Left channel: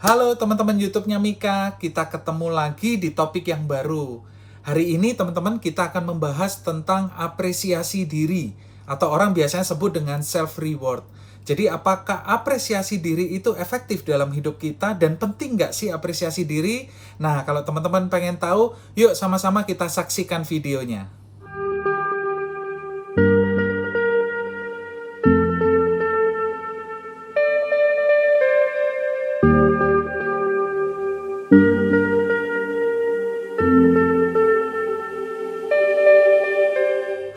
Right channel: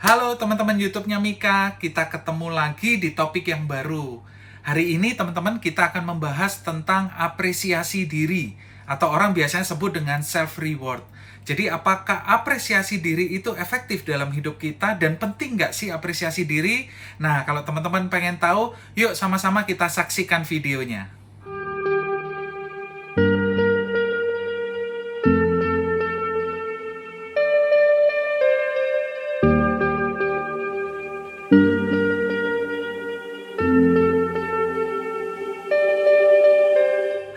Halo teman-teman YouTube-nya Mika, kita ketemu lagi di topik yang baru. Hari ini teman-teman kita akan membahas tentang apresiasi diri atau orang biasanya sebut dengan self-reward. Jadi apakah apresiasi diri itu efektif dalam hidup kita dan penting nggak sih apresiasi diri? Nah kalau teman-teman pengen tahu, yuk sama-sama kita saksikan videonya.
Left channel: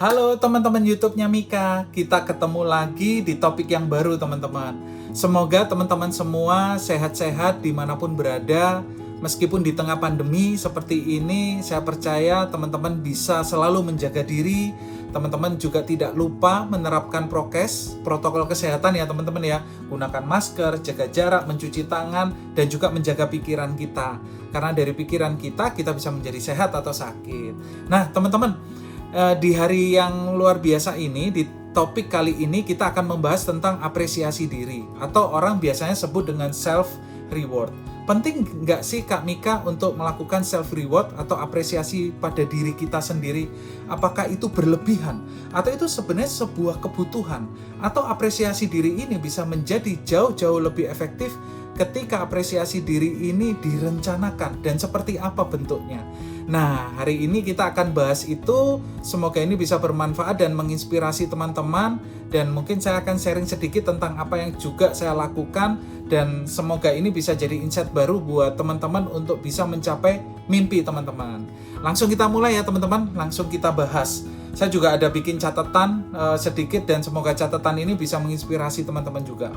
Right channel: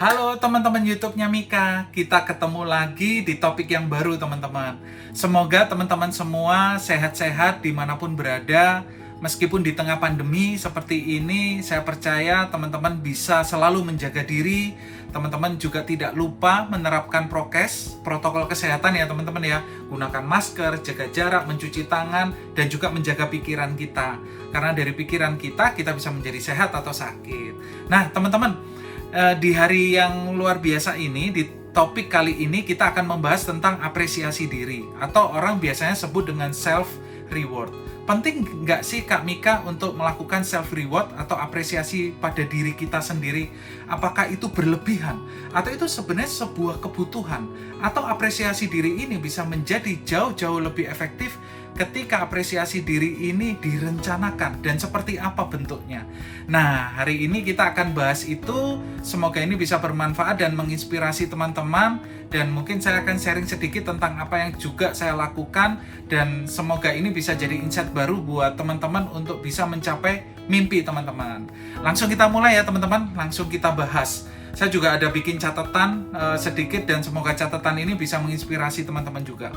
Halo teman-teman YouTube-nya Mika, kita ketemu lagi di topik yang baru teman-teman. Semoga teman-teman semua sehat-sehat dimanapun berada. Meskipun di tengah pandemi seperti ini, saya percaya teman-teman bisa selalu menjaga diri. Teman-teman juga tidak lupa menerapkan prokes, protokol kesehatan ya teman-teman ya. Gunakan masker, jaga jarak, mencuci tangan, dan juga menjaga pikiran kita. Karena dari pikiran kita bisa menjadi sehat atau sakit. Nah teman-teman, di hari yang luar biasa ini, di topik kali ini kita akan membahas tentang apresiasi diri atau orang biasanya sebut dengan self-reward. Penting nggak sih Kak Mika untuk melakukan self-reward atau apresiasi pada diri kita sendiri? Apakah itu berlebihan? Atau itu sebenarnya sebuah kebutuhan? Atau apresiasi diri ini bisa menjadi jauh-jauh lebih efektif ketika apresiasi diri ini direncanakan dan seperti apa bentuknya. Nah, hari ini kita akan bahas itu. Semoga ini bisa bermanfaat dan menginspirasi teman-teman, dan mungkin saya akan sharing sedikit tentang apa yang juga saya lakukan, dan semoga ini bisa jadi insight baru buat teman-teman untuk bisa mencapai mimpi teman-teman. Langsung kita mulai ya teman-teman, langsung kita bahas. Saya juga ada bikin catatan sedikit, dan semoga catatan ini bisa menginspirasi teman-teman juga.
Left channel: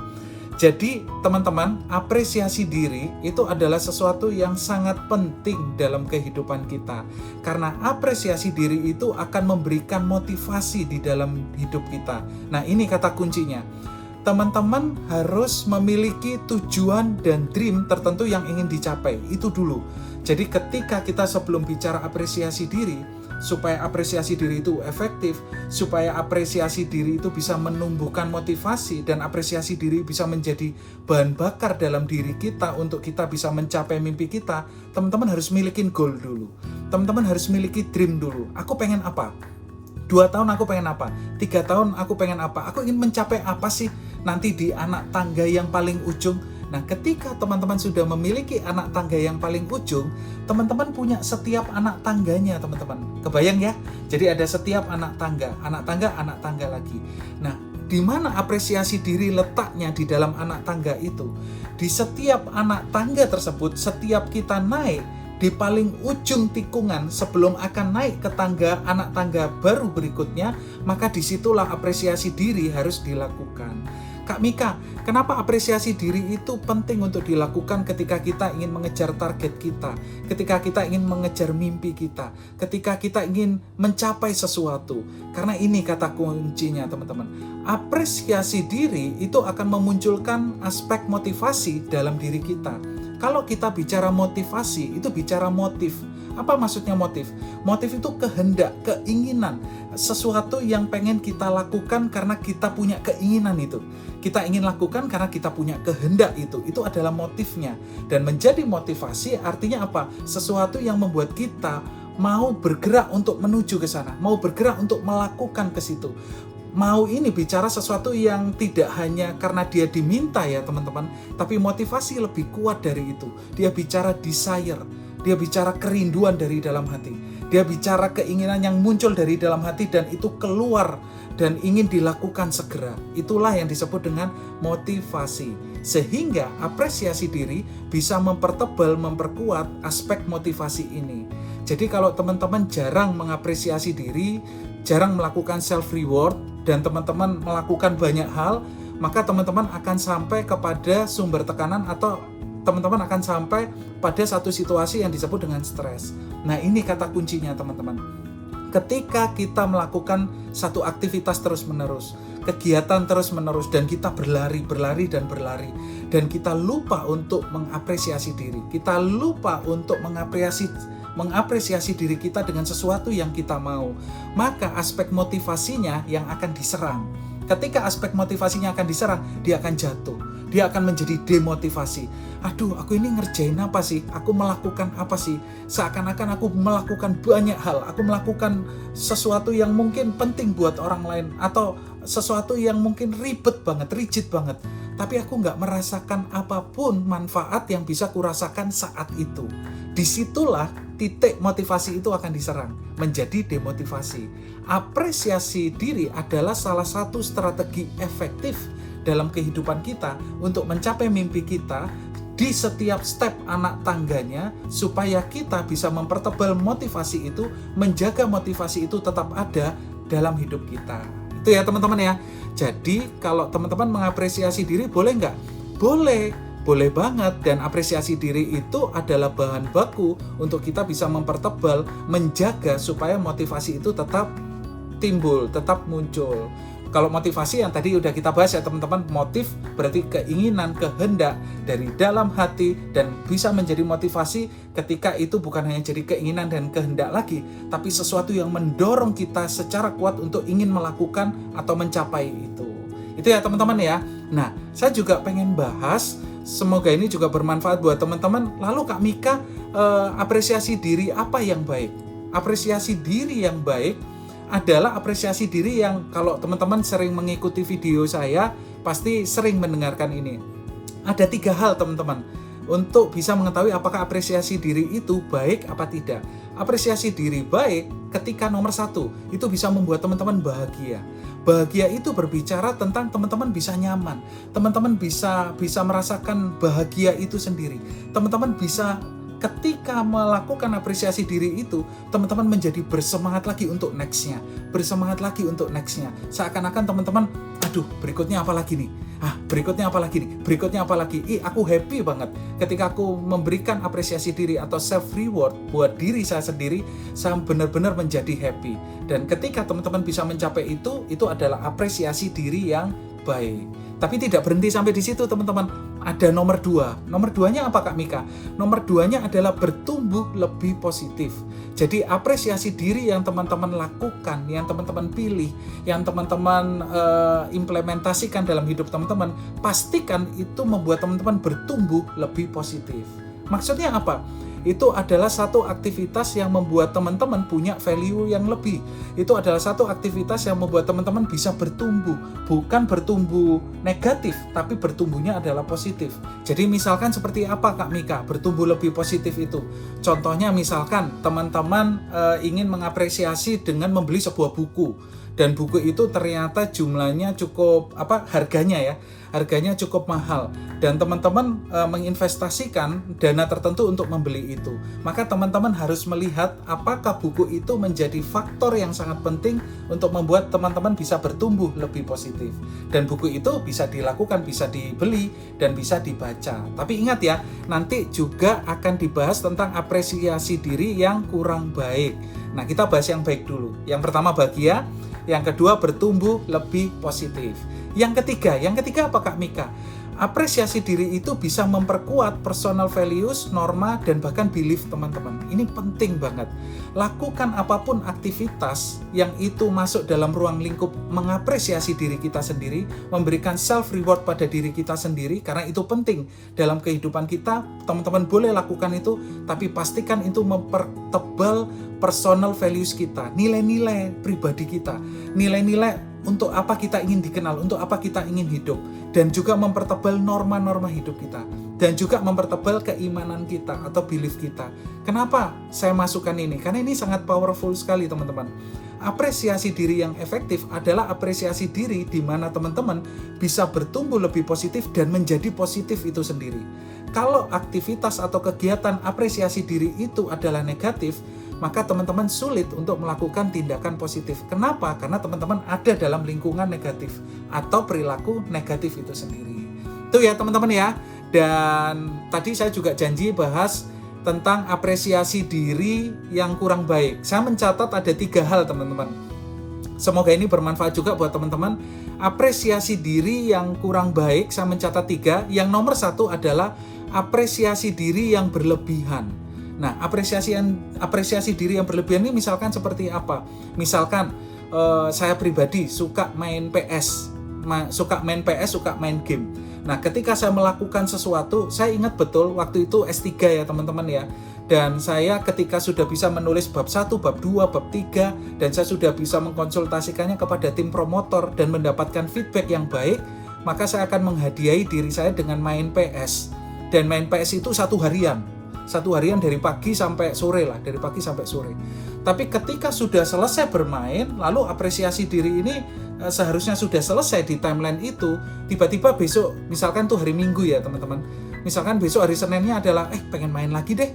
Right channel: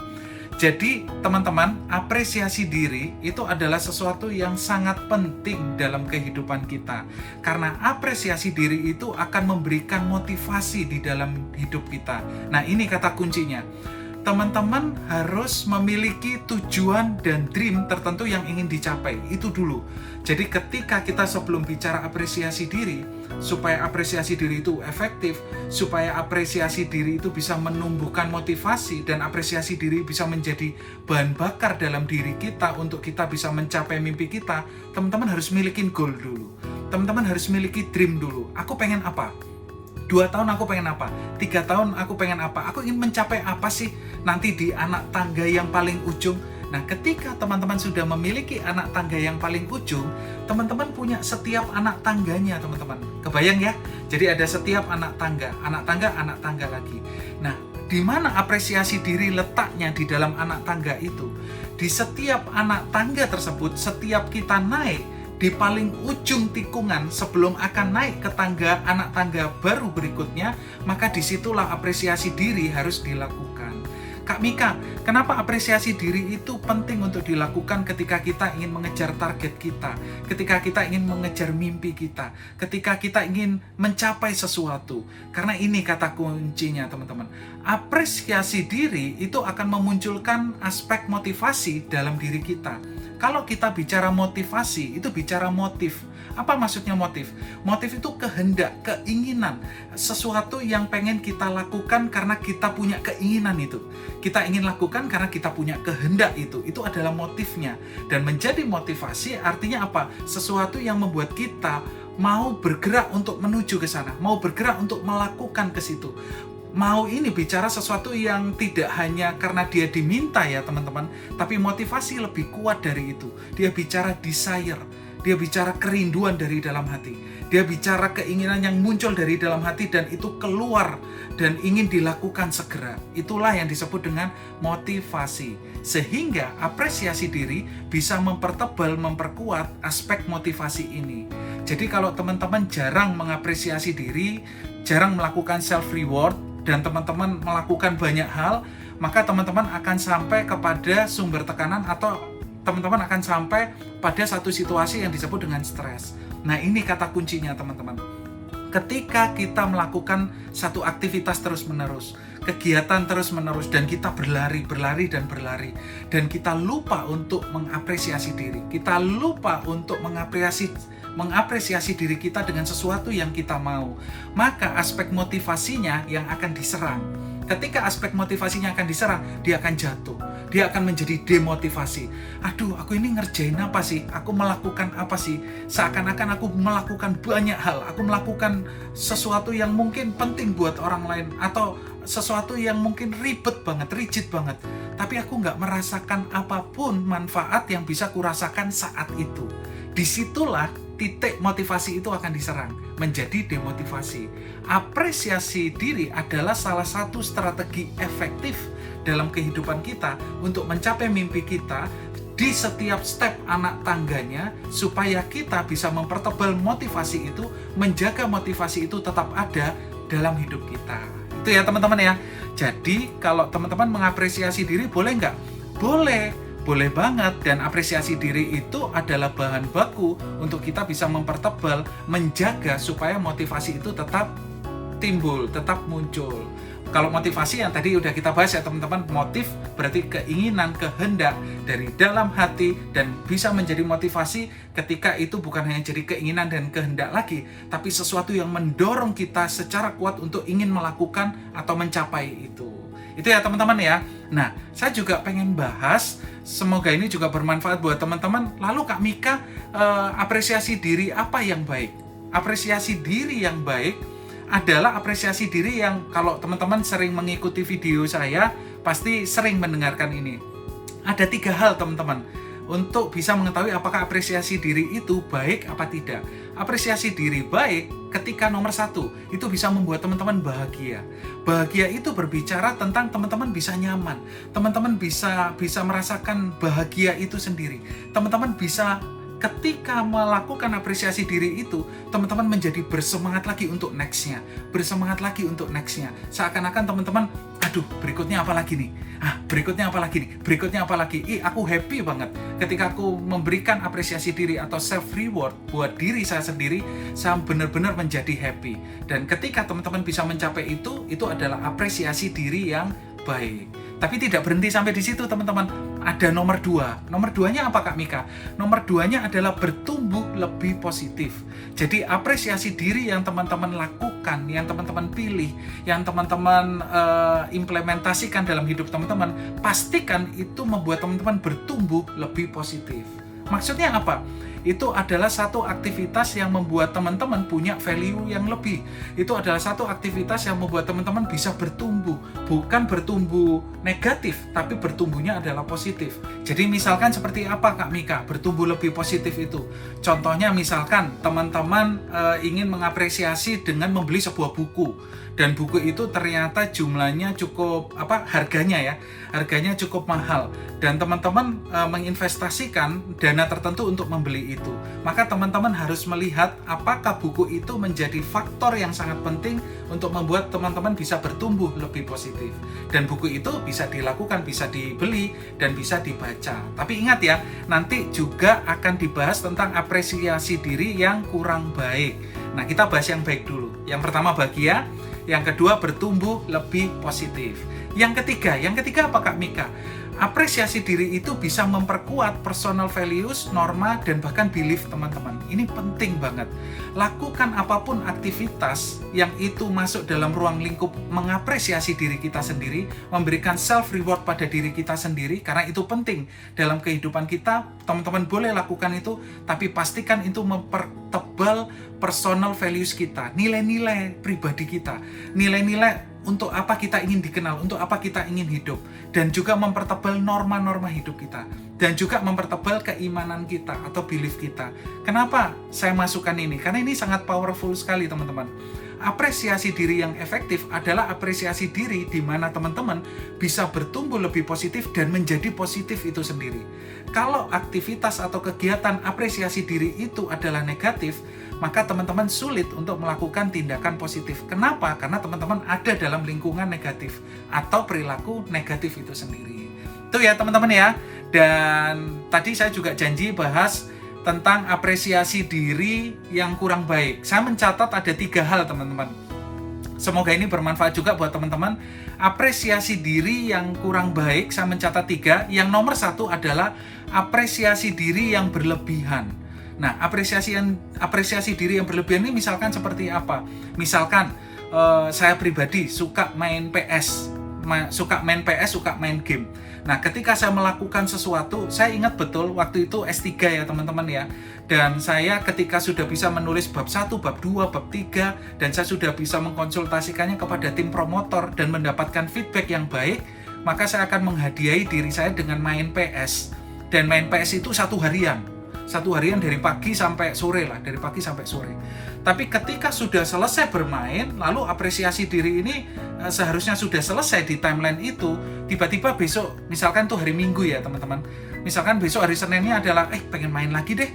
Jadi teman-teman, apresiasi diri itu adalah sesuatu yang sangat penting dalam kehidupan kita. Karena apresiasi diri itu akan memberikan motivasi di dalam hidup kita. Nah ini kata kuncinya. Teman-teman harus memiliki tujuan dan dream tertentu yang ingin dicapai. Itu dulu. Jadi ketika kita sebelum bicara apresiasi diri, supaya apresiasi diri itu efektif, supaya apresiasi diri itu bisa menumbuhkan motivasi, dan apresiasi diri bisa menjadi bahan bakar dalam diri kita untuk kita bisa mencapai mimpi kita, teman-teman harus milikin goal dulu. Teman-teman harus miliki dream dulu. Aku pengen apa? 2 tahun aku pengen apa? 3 tahun aku pengen apa? Aku ingin mencapai apa sih nanti di anak tangga yang paling ujung? Nah, ketika teman-teman sudah memiliki anak tangga yang paling ujung, teman-teman punya setiap anak tangganya, teman-teman. Kebayang ya? Jadi ada setiap anak tangga lagi. Nah, di mana apresiasi diri letaknya di dalam anak tangga itu? Di setiap anak tangga tersebut, setiap kita naik di paling ujung tikungan sebelum akan naik ke tangga anak tangga baru berikutnya, maka disitulah apresiasi diri harus dilakukan. Kak Mika, kenapa apresiasi diri itu penting untuk dilakukan ketika kita ingin mengejar target kita, ketika kita ingin mengejar mimpi kita, ketika kita ingin mencapai sesuatu? Karena ini kata kuncinya teman-teman. Apresiasi diri itu akan memunculkan aspek motivasi dalam diri kita. Kalau kita bicara motivasi, itu bicara motif. Apa maksudnya motif? Motif itu kehendak, keinginan, sesuatu yang pengen kita lakukan karena kita punya keinginan itu. Kita ingin lakukan karena kita punya kehendak itu adalah motifnya. Dan menjadi motivasi artinya apa? Sesuatu yang membuat kita mau bergerak untuk menuju ke sana, mau bergerak untuk melakukan ke situ. Mau ini bicara sesuatu yang tidak hanya karena dia diminta ya teman-teman, tapi motivasi lebih kuat dari itu. Dia bicara desire, dia bicara kerinduan dari dalam hati, dia bicara keinginan yang muncul dari dalam hati dan itu keluar dan ingin dilakukan segera. Itulah yang disebut dengan motivasi. Sehingga apresiasi diri bisa mempertebal, memperkuat aspek motivasi ini. Jadi kalau teman-teman jarang mengapresiasi diri, jarang melakukan self-reward, dan teman-teman melakukan banyak hal, maka teman-teman akan sampai kepada sumber tekanan atau teman-teman akan sampai pada satu situasi yang disebut dengan stres. Nah ini kata kuncinya teman-teman. Ketika kita melakukan satu aktivitas terus-menerus, kegiatan terus-menerus, dan kita berlari, dan kita lupa untuk mengapresiasi diri, kita lupa untuk mengapresiasi diri kita dengan sesuatu yang kita mau, maka aspek motivasinya yang akan diserang. Ketika aspek motivasinya akan diserang, dia akan jatuh. dia akan menjadi demotivasi. Aduh, aku ini ngerjain apa sih? Aku melakukan apa sih? Seakan-akan aku melakukan banyak hal. Aku melakukan sesuatu yang mungkin penting buat orang lain, atau sesuatu yang mungkin ribet banget, rigid banget. Tapi aku nggak merasakan apapun manfaat yang bisa kurasakan saat itu. Disitulah titik motivasi itu akan diserang, menjadi demotivasi. Apresiasi diri adalah salah satu strategi efektif dalam kehidupan kita untuk mencapai mimpi kita di setiap step anak tangganya, supaya kita bisa mempertebal motivasi itu, menjaga motivasi itu tetap ada dalam hidup kita. Itu ya teman-teman ya. Jadi kalau teman-teman mengapresiasi diri, boleh nggak? Boleh banget. Dan apresiasi diri itu adalah bahan baku untuk kita bisa mempertebal, menjaga supaya motivasi itu tetap timbul, tetap muncul. Kalau motivasi yang tadi udah kita bahas ya teman-teman, motif berarti keinginan, kehendak dari dalam hati, dan bisa menjadi motivasi ketika itu bukan hanya jadi keinginan dan kehendak lagi, tapi sesuatu yang mendorong kita secara kuat untuk ingin melakukan atau mencapai itu. Itu ya teman-teman ya. Nah, saya juga pengen bahas, semoga ini juga bermanfaat buat teman-teman. Lalu Kak Mika, apresiasi diri apa yang baik? Apresiasi diri yang baik adalah apresiasi diri yang, kalau teman-teman sering mengikuti video saya, pasti sering mendengarkan ini. Ada 3 hal teman-teman untuk bisa mengetahui apakah apresiasi diri itu baik apa tidak. Apresiasi diri baik ketika nomor 1, itu bisa membuat teman-teman bahagia. Bahagia itu berbicara tentang teman-teman bisa nyaman, teman-teman bisa merasakan bahagia itu sendiri. Teman-teman bisa, ketika melakukan apresiasi diri itu, teman-teman menjadi bersemangat lagi untuk next-nya. Seakan-akan teman-teman, aduh, berikutnya apa lagi nih? Berikutnya apa lagi? Aku happy banget ketika aku memberikan apresiasi diri atau self reward buat diri saya sendiri. Saya benar-benar menjadi happy. Dan ketika teman-teman bisa mencapai itu adalah apresiasi diri yang baik. Tapi tidak berhenti sampai di situ teman-teman. Ada nomor 2. Nomor 2-nya apa Kak Mika? Nomor 2-nya adalah bertumbuh lebih positif. Jadi apresiasi diri yang teman-teman lakukan, yang teman-teman pilih, yang teman-teman implementasikan dalam hidup teman-teman, pastikan itu membuat teman-teman bertumbuh lebih positif. Maksudnya apa? Itu adalah satu aktivitas yang membuat teman-teman punya value yang lebih. Itu adalah satu aktivitas yang membuat teman-teman bisa bertumbuh. Bukan bertumbuh negatif, tapi bertumbuhnya adalah positif. Jadi misalkan seperti apa Kak Mika bertumbuh lebih positif itu? Contohnya misalkan teman-teman ingin mengapresiasi dengan membeli sebuah buku. Dan buku itu ternyata jumlahnya cukup, harganya cukup mahal. Dan teman-teman menginvestasikan dana tertentu untuk membeli itu. Maka teman-teman harus melihat apakah buku itu menjadi faktor yang sangat penting untuk membuat teman-teman bisa bertumbuh lebih positif. Dan buku itu bisa dilakukan, bisa dibeli, dan bisa dibaca. Tapi ingat ya, nanti juga akan dibahas tentang apresiasi diri yang kurang baik. Nah, kita bahas yang baik dulu. Yang pertama bahagia, yang kedua bertumbuh lebih positif. Yang ketiga apa Kak Mika? Apresiasi diri itu bisa memperkuat personal values, norma, dan bahkan belief teman-teman. Ini penting banget. Lakukan apapun aktivitas yang itu masuk dalam ruang lingkup mengapresiasi diri kita sendiri, memberikan self reward pada diri kita sendiri, karena itu penting dalam kehidupan kita. Teman-teman boleh lakukan itu, tapi pastikan itu mempertebal personal values kita, nilai-nilai pribadi kita, nilai-nilai untuk apa kita ingin dikenal, untuk apa kita ingin hidup, dan juga mempertebal norma-norma hidup kita, dan juga mempertebal keimanan kita atau belief kita. Kenapa saya masukkan ini? Karena ini sangat powerful sekali teman-teman. Apresiasi diri yang efektif adalah apresiasi diri di mana teman-teman bisa bertumbuh lebih positif dan menjadi positif itu sendiri. Kalau aktivitas atau kegiatan apresiasi diri itu adalah negatif, maka teman-teman sulit untuk melakukan tindakan positif. Kenapa? Karena teman-teman ada dalam lingkungan negatif atau perilaku negatif itu sendiri. Itu ya teman-teman ya. Dan tadi saya juga janji bahas tentang apresiasi diri yang kurang baik. Saya mencatat ada 3 hal teman-teman. Semoga ini bermanfaat juga buat teman-teman. Apresiasi diri yang kurang baik, saya mencatat 3. Yang nomor 1 adalah apresiasi diri yang berlebihan. Nah, apresiasi diri yang berlebihan ini misalkan seperti apa? Misalkan saya pribadi suka main PS. suka main PS, suka main game. Nah, ketika saya melakukan sesuatu, saya ingat betul waktu itu S3 ya teman-teman ya. Dan saya ketika sudah bisa menulis bab 1, bab 2, bab 3, dan saya sudah bisa mengkonsultasikannya kepada tim promotor dan mendapatkan feedback yang baik, maka saya akan menghadiahi diri saya dengan main PS. Dan main PS itu satu harian dari pagi sampai sore lah, dari pagi sampai sore. Tapi ketika sudah selesai bermain, lalu apresiasi diri ini seharusnya sudah selesai di timeline itu, tiba-tiba besok, misalkan tuh hari Minggu ya teman-teman, misalkan besok hari Seninnya adalah pengen main lagi deh,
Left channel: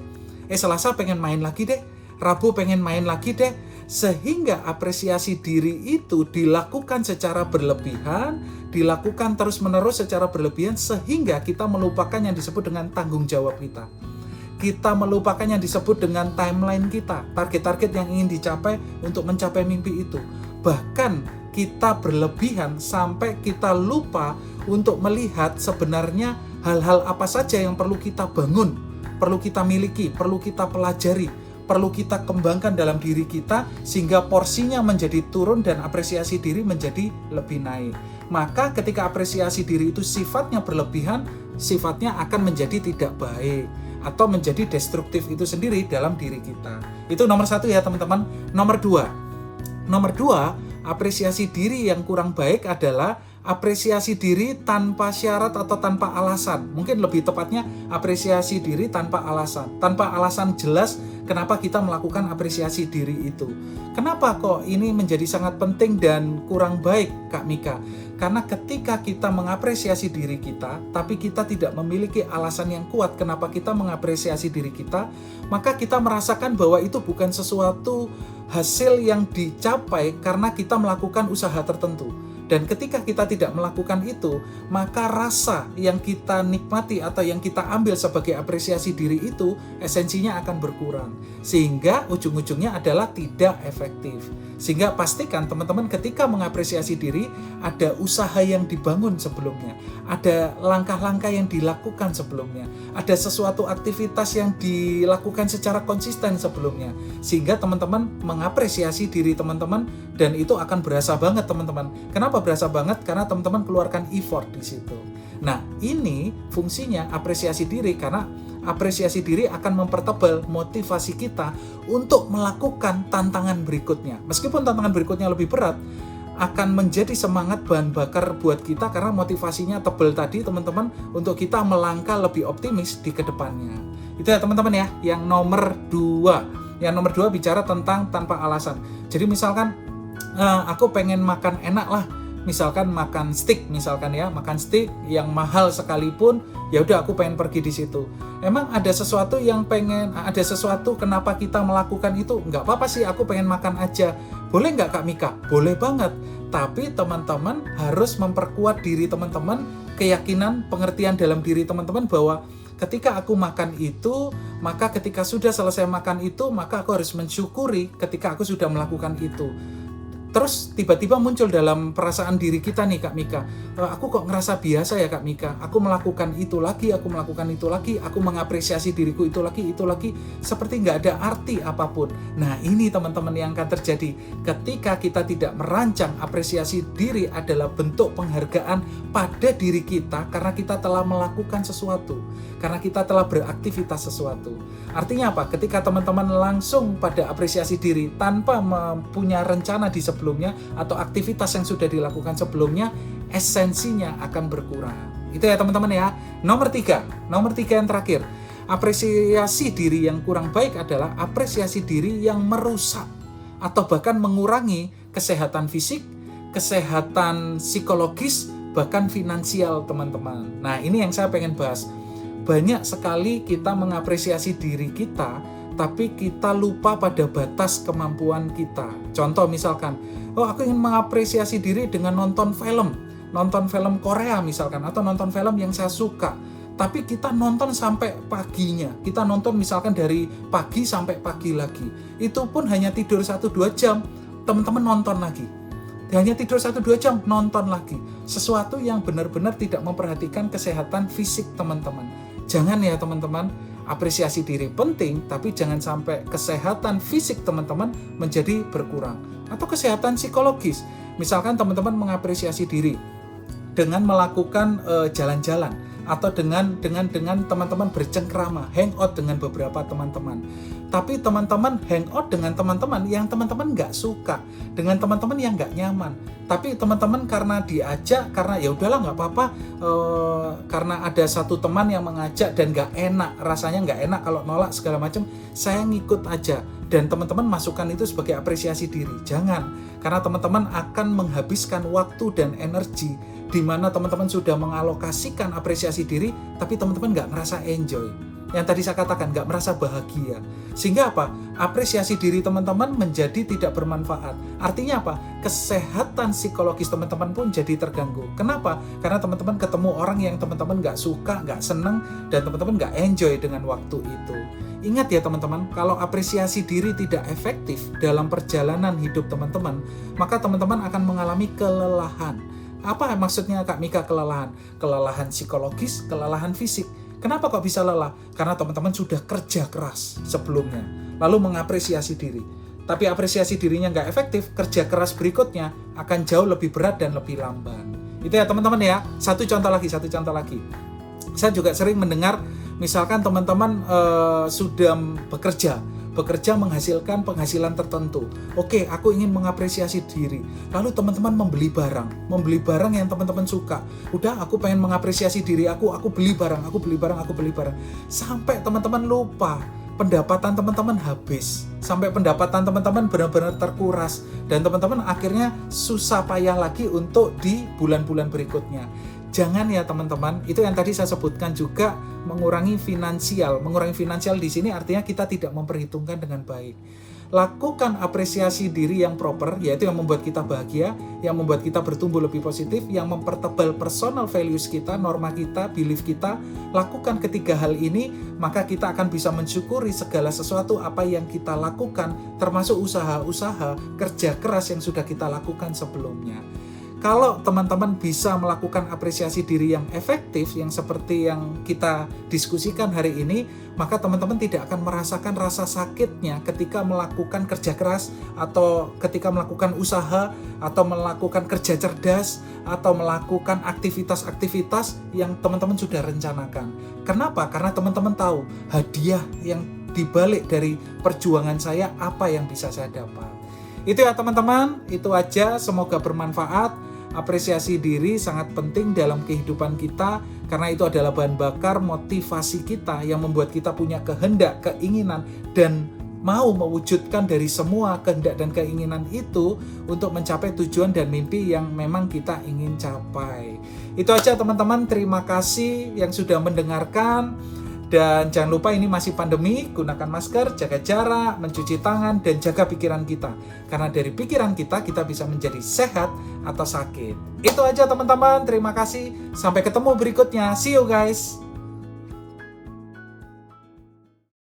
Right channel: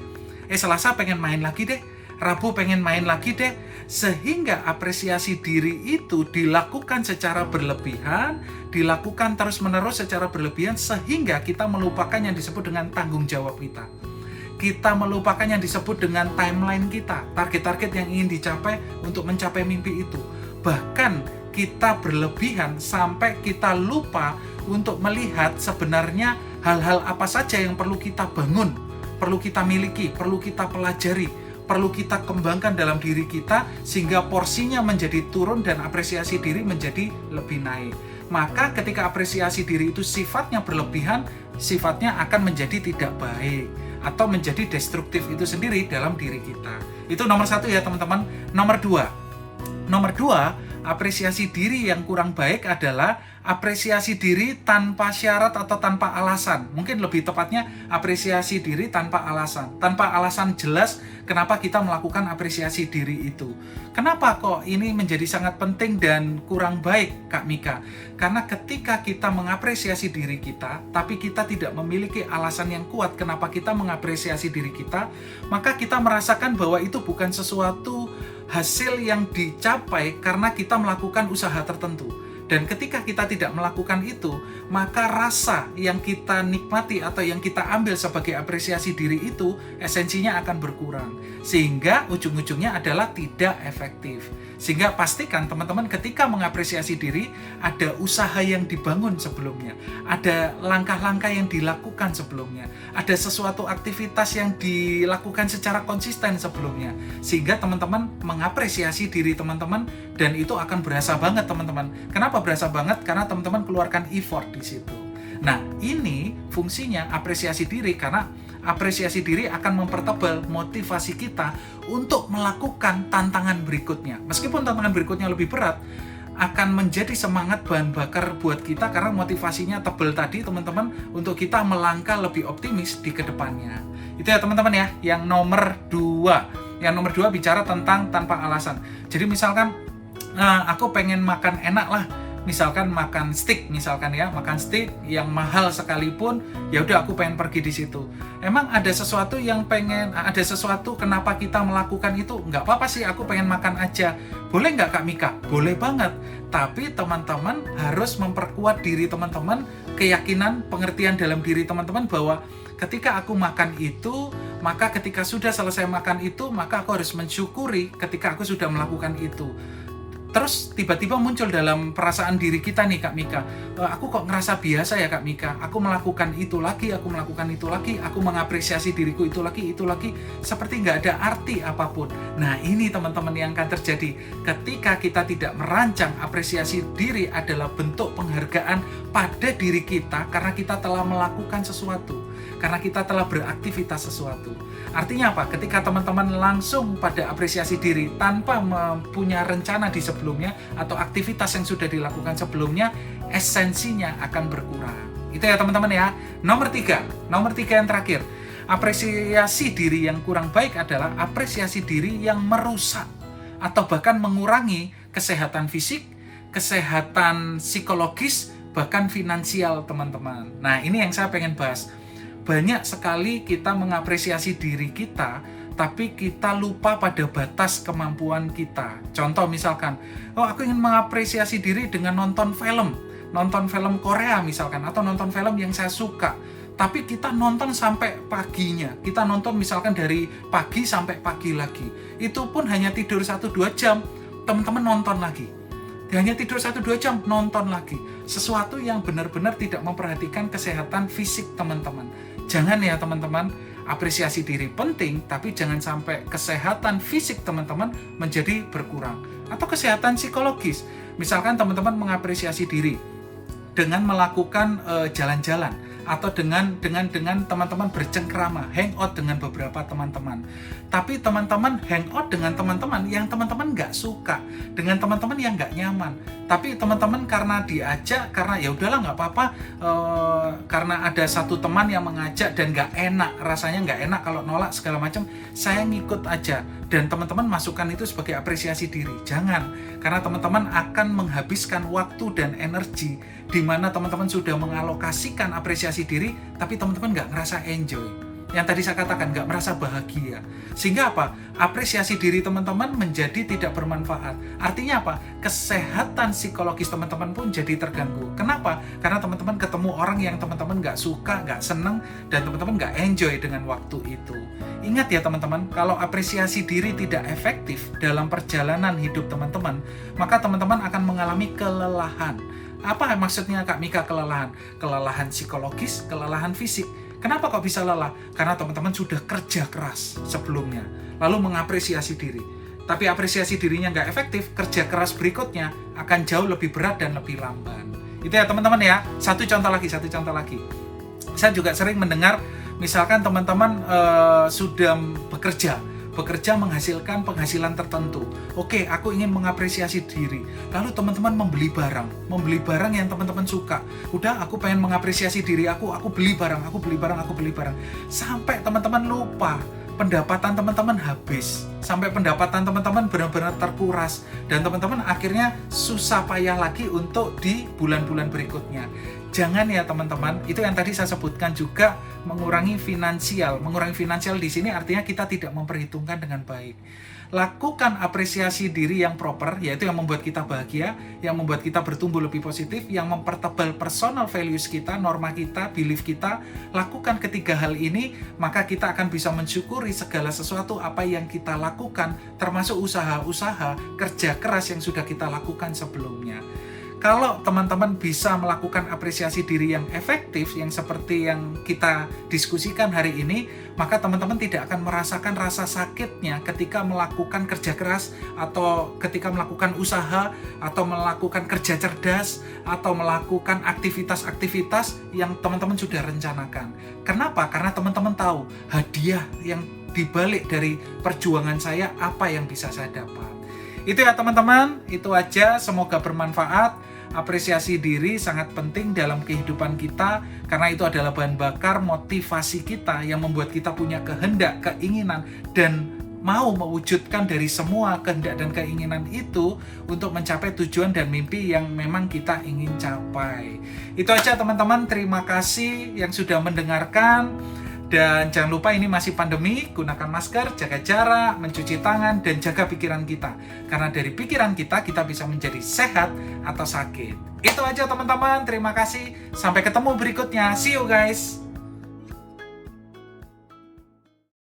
Selasa pengen main lagi deh, Rabu pengen main lagi deh, sehingga apresiasi diri itu dilakukan secara berlebihan, dilakukan terus-menerus secara berlebihan, sehingga kita melupakan yang disebut dengan tanggung jawab kita. Kita melupakan yang disebut dengan timeline kita, target-target yang ingin dicapai untuk mencapai mimpi itu. Bahkan kita berlebihan sampai kita lupa untuk melihat sebenarnya hal-hal apa saja yang perlu kita bangun, perlu kita miliki, perlu kita pelajari, perlu kita kembangkan dalam diri kita sehingga porsinya menjadi turun dan apresiasi diri menjadi lebih naik. Maka ketika apresiasi diri itu sifatnya berlebihan, sifatnya akan menjadi tidak baik atau menjadi destruktif itu sendiri dalam diri kita. Itu nomor 1 ya teman-teman. Nomor 2, apresiasi diri yang kurang baik adalah apresiasi diri tanpa syarat atau tanpa alasan. Mungkin lebih tepatnya apresiasi diri tanpa alasan. Tanpa alasan jelas kenapa kita melakukan apresiasi diri itu. Kenapa kok ini menjadi sangat penting dan kurang baik, Kak Mika? Karena ketika kita mengapresiasi diri kita, tapi kita tidak memiliki alasan yang kuat kenapa kita mengapresiasi diri kita, maka kita merasakan bahwa itu bukan sesuatu hasil yang dicapai karena kita melakukan usaha tertentu. Dan ketika kita tidak melakukan itu, maka rasa yang kita nikmati atau yang kita ambil sebagai apresiasi diri itu, esensinya akan berkurang. Sehingga ujung-ujungnya adalah tidak efektif. Sehingga pastikan teman-teman ketika mengapresiasi diri, ada usaha yang dibangun sebelumnya. Ada langkah-langkah yang dilakukan sebelumnya. Ada sesuatu aktivitas yang dilakukan secara konsisten sebelumnya. Sehingga teman-teman mengapresiasi diri teman-teman dan itu akan berasa banget teman-teman. Kenapa berasa banget? Karena teman-teman keluarkan effort di situ. Nah, ini fungsinya apresiasi diri karena apresiasi diri akan mempertebal motivasi kita untuk melakukan tantangan berikutnya. Meskipun tantangan berikutnya lebih berat, akan menjadi semangat bahan bakar buat kita karena motivasinya tebal tadi teman-teman untuk kita melangkah lebih optimis di kedepannya. Itu ya teman-teman ya, yang nomor 2. Yang nomor 2 bicara tentang tanpa alasan. Jadi misalkan aku pengen makan enak lah, misalkan makan steak misalkan ya, makan steak yang mahal sekalipun, ya udah aku pengen pergi di situ. Emang ada sesuatu kenapa kita melakukan itu? Nggak apa-apa sih, aku pengen makan aja. Boleh nggak Kak Mika? Boleh banget. Tapi teman-teman harus memperkuat diri teman-teman, keyakinan, pengertian dalam diri teman-teman bahwa ketika aku makan itu, maka ketika sudah selesai makan itu, maka aku harus mensyukuri ketika aku sudah melakukan itu. Terus tiba-tiba muncul dalam perasaan diri kita nih Kak Mika, aku kok ngerasa biasa ya Kak Mika, aku melakukan itu lagi, aku mengapresiasi diriku itu lagi, seperti nggak ada arti apapun. Nah ini teman-teman yang akan terjadi ketika kita tidak merancang apresiasi diri adalah bentuk penghargaan pada diri kita karena kita telah melakukan sesuatu, karena kita telah beraktivitas sesuatu. Artinya apa? Ketika teman-teman langsung pada apresiasi diri tanpa mempunyai rencana di sebelumnya atau aktivitas yang sudah dilakukan sebelumnya, esensinya akan berkurang. Itu ya teman-teman ya. Nomor 3 yang terakhir, apresiasi diri yang kurang baik adalah apresiasi diri yang merusak atau bahkan mengurangi kesehatan fisik, kesehatan psikologis, bahkan finansial teman-teman. Nah ini yang saya pengen bahas. Banyak sekali kita mengapresiasi diri kita, tapi kita lupa pada batas kemampuan kita. Contoh misalkan, aku ingin mengapresiasi diri dengan nonton film Korea misalkan, atau nonton film yang saya suka. Tapi kita nonton sampai paginya, kita nonton misalkan dari pagi sampai pagi lagi. Itu pun hanya tidur 1-2 jam, teman-teman nonton lagi. Hanya tidur 1-2 jam, nonton lagi. Sesuatu yang benar-benar tidak memperhatikan kesehatan fisik teman-teman. Jangan ya teman-teman, apresiasi diri penting, tapi jangan sampai kesehatan fisik teman-teman menjadi berkurang. Atau kesehatan psikologis. Misalkan teman-teman mengapresiasi diri, dengan melakukan jalan-jalan atau dengan teman-teman bercengkrama, hangout dengan beberapa teman-teman. Tapi teman-teman hangout dengan teman-teman yang teman-teman nggak suka, dengan teman-teman yang nggak nyaman. Tapi teman-teman karena diajak, karena ya udahlah nggak apa-apa, karena ada satu teman yang mengajak dan nggak enak, rasanya nggak enak kalau nolak segala macam, saya ngikut aja. Dan teman-teman masukkan itu sebagai apresiasi diri. Jangan, karena teman-teman akan menghabiskan waktu dan energi di mana teman-teman sudah mengalokasikan apresiasi diri, tapi teman-teman nggak ngerasa enjoy. Yang tadi saya katakan, nggak merasa bahagia. Sehingga apa? Apresiasi diri teman-teman menjadi tidak bermanfaat. Artinya apa? Kesehatan psikologis teman-teman pun jadi terganggu. Kenapa? Karena teman-teman ketemu orang yang teman-teman nggak suka, nggak seneng, dan teman-teman nggak enjoy dengan waktu itu. Ingat ya teman-teman, kalau apresiasi diri tidak efektif dalam perjalanan hidup teman-teman, maka teman-teman akan mengalami kelelahan. Apa maksudnya Kak Mika kelelahan? Kelelahan psikologis, kelelahan fisik. Kenapa kok bisa lelah? Karena teman-teman sudah kerja keras sebelumnya, lalu mengapresiasi diri. Tapi apresiasi dirinya nggak efektif, kerja keras berikutnya akan jauh lebih berat dan lebih lamban. Itu ya teman-teman ya. Satu contoh lagi. Saya juga sering mendengar, misalkan teman-teman sudah bekerja menghasilkan penghasilan tertentu. Oke, aku ingin mengapresiasi diri. Lalu teman-teman membeli barang yang teman-teman suka. Udah, aku pengen mengapresiasi diri aku beli barang. Sampai teman-teman lupa, pendapatan teman-teman habis. Sampai pendapatan teman-teman benar-benar terkuras. Dan teman-teman akhirnya susah payah lagi untuk di bulan-bulan berikutnya. Jangan ya teman-teman, itu yang tadi saya sebutkan juga, mengurangi finansial. Mengurangi finansial di sini artinya kita tidak memperhitungkan dengan baik. Lakukan apresiasi diri yang proper, yaitu yang membuat kita bahagia, yang membuat kita bertumbuh lebih positif, yang mempertebal personal values kita, norma kita, belief kita. Lakukan ketiga hal ini, maka kita akan bisa mensyukuri segala sesuatu apa yang kita lakukan, termasuk usaha-usaha kerja keras yang sudah kita lakukan sebelumnya. Kalau teman-teman bisa melakukan apresiasi diri yang efektif, yang seperti yang kita diskusikan hari ini, maka teman-teman tidak akan merasakan rasa sakitnya ketika melakukan kerja keras, atau ketika melakukan usaha, atau melakukan kerja cerdas, atau melakukan aktivitas-aktivitas yang teman-teman sudah rencanakan. Kenapa? Karena teman-teman tahu hadiah yang dibalik dari perjuangan saya, apa yang bisa saya dapat. Itu ya teman-teman, itu aja, semoga bermanfaat. Apresiasi diri sangat penting dalam kehidupan kita, karena itu adalah bahan bakar motivasi kita yang membuat kita punya kehendak, keinginan, dan mau mewujudkan dari semua kehendak dan keinginan itu untuk mencapai tujuan dan mimpi yang memang kita ingin capai. Itu aja teman-teman, terima kasih yang sudah mendengarkan. Dan jangan lupa ini masih pandemi, gunakan masker, jaga jarak, mencuci tangan, dan jaga pikiran kita. Karena dari pikiran kita bisa menjadi sehat atau sakit. Itu aja teman-teman, terima kasih. Sampai ketemu berikutnya. See you guys.